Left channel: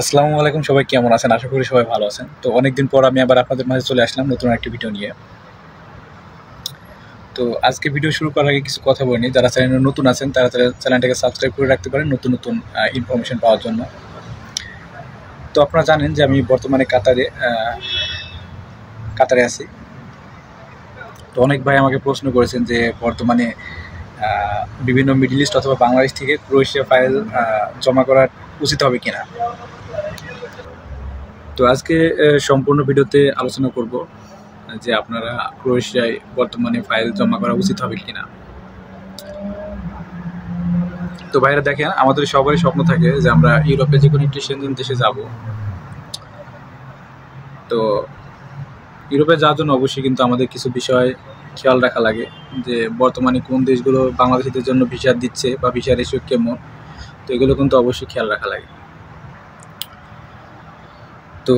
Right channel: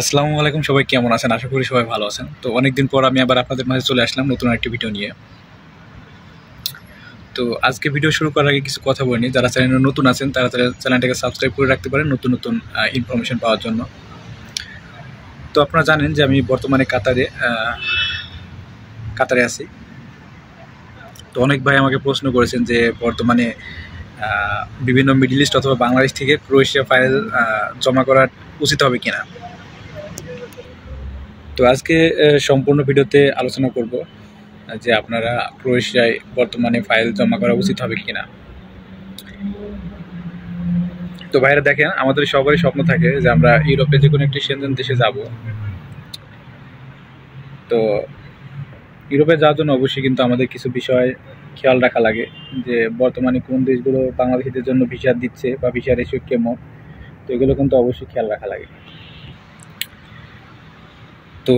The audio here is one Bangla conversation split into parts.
আসসালামু আলাইকুম, সবাই কেমন আছেন? আশা করি সবাই ভালো আছেন। তো অনেকদিন পর আমি আবার আপনাদের মাঝে চলে আসলাম নতুন একটি ভিডিও নিয়ে। তো আজকে ভিডিও শুরু করার আগে কিছু কথা বলিনি। যারা চ্যানেলে নতুন আছেন তারা চ্যানেলটাকে সাবস্ক্রাইব করে রাখতে পারেন নতুন নতুন ইনফরমেশন পাওয়ার জন্য। তো আপনারা জানেন যে আমি বর্তমানে কাতারে আছি। তো অনেক ভাই আমাকে প্রশ্ন করেছেন যে বর্তমানে বিভিন্ন মিডল ইস্ট অথবা বাংলাদেশ থেকে ক্রোয়েশিয়া ফাইল জমা করা উচিত হবে কিনা। তো আজকে সম্পূর্ণ ভিডিওতে আলোচনা করব যে আপনারা ক্রোয়েশিয়ায় বর্তমানে ফাইল জমা করা উচিত হবে কিনা। তো ভাইরা দেখেন, আমাদের সবারই স্বপ্ন থাকে যে আমরা ইউরোপে যে কোনো একটি সেনজেন দেশে যাব। তো ইউরোপে যাওয়ার জন্য অবশ্যই কিন্তু আমাদের কিছু বিষয় খেয়াল রাখা লাগে, যে বর্তমানে কোন দেশগুলো বাংলাদেশিদের জন্য ভিসা দিচ্ছে বা ভিসা রেশিও কেমন। তো এগুলো কিন্তু অবশ্যই খেয়াল রাখা লাগে। তো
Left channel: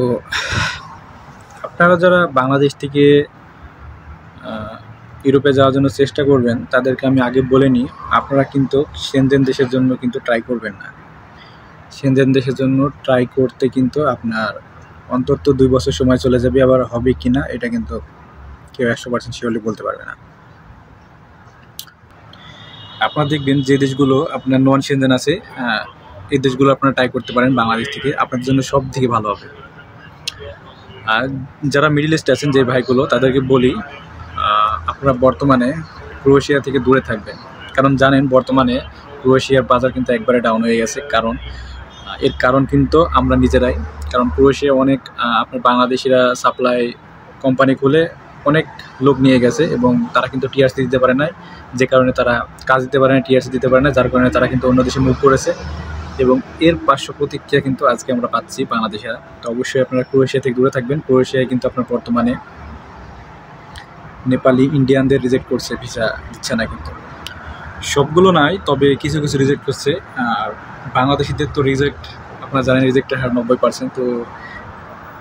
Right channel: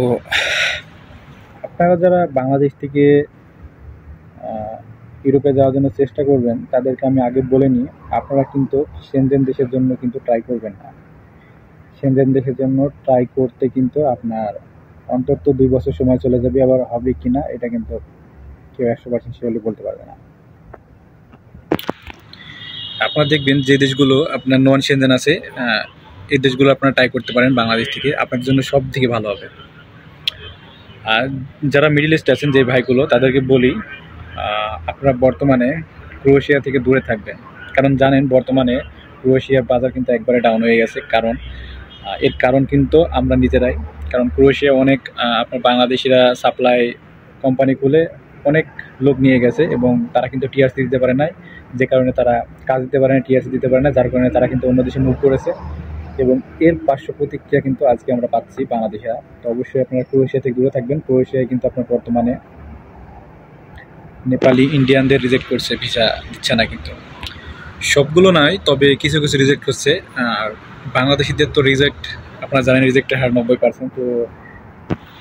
আপনারা যারা বাংলাদেশ থেকে ইউরোপে যাওয়ার জন্য চেষ্টা করবেন তাদেরকে আমি আগে বলে নিই, আপনারা কিন্তু সেনজেন দেশের জন্য কিন্তু ট্রাই করবেন না। সেনজেন দেশের জন্য ট্রাই করতে কিন্তু আপনার অন্তত 2 বছর সময় চলে যাবে। আবার হবে কি না এটা কিন্তু কেউ 100% শিওরলি বলতে পারবে না। আপনারা দেখবেন যে দেশগুলো আপনার নন সেনজেন আছে, এই দেশগুলো আপনারা ট্রাই করতে পারেন বাংলাদেশ থেকে, আপনাদের জন্য সব থেকে ভালো হবে। আর যারা মিডল ইস্ট আছেন যে ভাইগুলো, তাদেরকে বলি আপনারা বর্তমানে ক্রোয়েশিয়া থেকে দূরে থাকবেন। কারণ জানেন বর্তমানে ক্রোয়েশিয়ার বাজার কিন্তু একবারে ডাউন হয়ে গেছে। এর কারণ কিন্তু আমরা নিজেরাই। কারণ ক্রোয়েশিয়া অনেক আপনার বাংলাদেশিরা সাপ্লাই কোম্পানি খুলে অনেক লোক নিয়ে গেছে এবং তারা কিন্তু টিআরসি দিতে পারে না, যে কারণে তারা কাজ দিতে পারে না, টিআরসি দিতে পারে না, যার কারণে তারা কিন্তু অন্য দেশে মুভ করেছে এবং এর পার্শ্ব প্রতিক্রিয়া কিন্তু আজকে আমরা পাচ্ছি বাংলাদেশিরা। তো অবশ্যই আপনারা ক্রোয়েশিয়া থেকে দূরে থাকবেন। ক্রোয়েশিয়ায় কিন্তু আপনার বর্তমানে নেপালি ইন্ডিয়ানদের রিজেক্ট করছে, ভিসা দিচ্ছে না। কিন্তু সবগুলো নয়, তবে কিছু কিছু রিজেক্ট করছে। আর বাংলাদেশিদের তো রিজেক্ট আপনারা জানেন, রিজেক্টের হার 90%। তো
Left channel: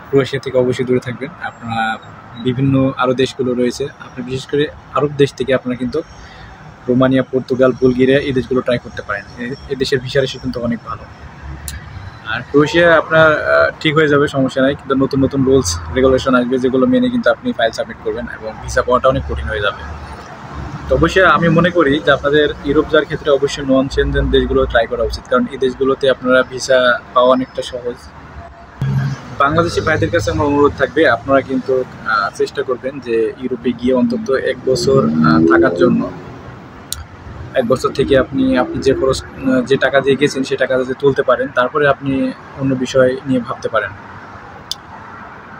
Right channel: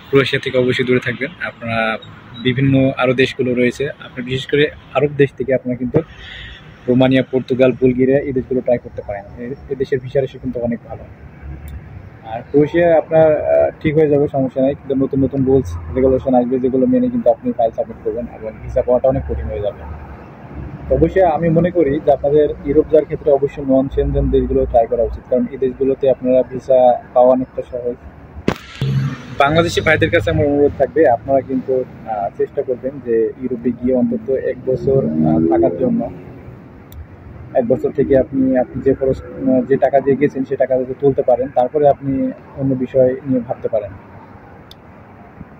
ক্রোয়েশিয়া থেকে অবশ্যই দূরে থাকবেন। আপনারা বিভিন্ন আরও দেশগুলো রয়েছে, আপনি বিশেষ করে আরব দেশ থেকে আপনারা কিন্তু রোমানিয়া, পর্তুগাল, বুলগেরিয়া এই দেশগুলো ট্রাই করতে পারেন। এই দেশের ভিসা রেশিও কিন্তু অনেক ভালো। আর ক্রোয়েশিয়া আপনার ঠিক হয়ে যাবে, সমস্যা নেই। কিন্তু নতুন নতুন রুলস রেগুলেশন আসবে, যেগুলো মেনে কিন্তু আপনি ফাইল সাবমিট করবেন এবং ভিসা পাওয়াটা অনেক কঠিন হয়ে যাবে। তো অবশ্যই আমি মনে করি যে আপনাদের ইউরোপ যাওয়ার ক্ষেত্রে অবশ্যই নন সেনজেন দেশগুলো ট্রাই করা উচিত, কারণ এই দেশগুলোতে আপনারা ভিসা পাওয়া অনেকটা সহজ। বাংলাদেশি ভাইদের কাছে আমার অনুরোধ থাকবে, আপনারা কিন্তু চেষ্টা করবেন যে ইউরোপে গিয়ে অন্তত 1 বছর থাকার জন্য। 1 বছর থেকে আপনি যে খরচ, যে টাকা দিয়ে গেছেন সেই টাকা যদি তুলতে পারেন, তারপরে আপনি অন্য বিষয় নিয়ে ভাবতে পারেন।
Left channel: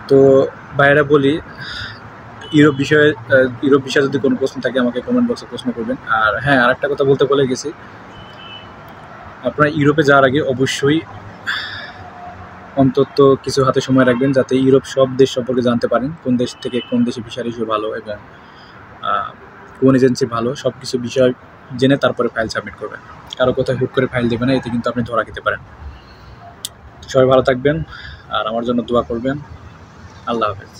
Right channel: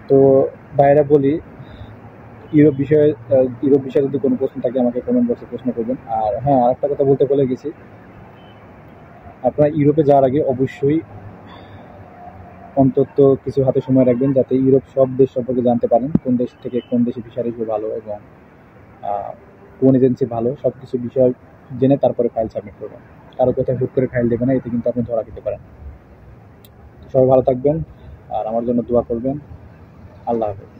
তো ভাইয়েরা বলি, ইউরোপ বিষয়ে যদি কোনো প্রশ্ন থাকে আমাকে কমেন্ট বক্সে প্রশ্ন করবেন। আর হ্যাঁ, আরেকটা কথা বলতে ভুলে গেছি, আপনারা ইউরোপে যাওয়ার আগে অবশ্যই অন্তত কিছু হাতে সময় রাখবেন, যাতে ইউরোপ সব দেশ সম্পর্কে জানতে পারেন, কোন দেশ থেকে কোন দেশে ভিসা রেশিও ভালো এবং কোন এজেন্সি ভালো, সব কিছু বিষয় জেনে তারপরে ফাইল সাবমিট করবেন। কারো কোথায় হুট করে ফাইল দেবে না, এতে কিন্তু আপনি ধরা খেতে পারেন। সবাই ভালো থাকবেন আর আমার জন্য দোয়া করবেন। আল্লাহ হাফেজ।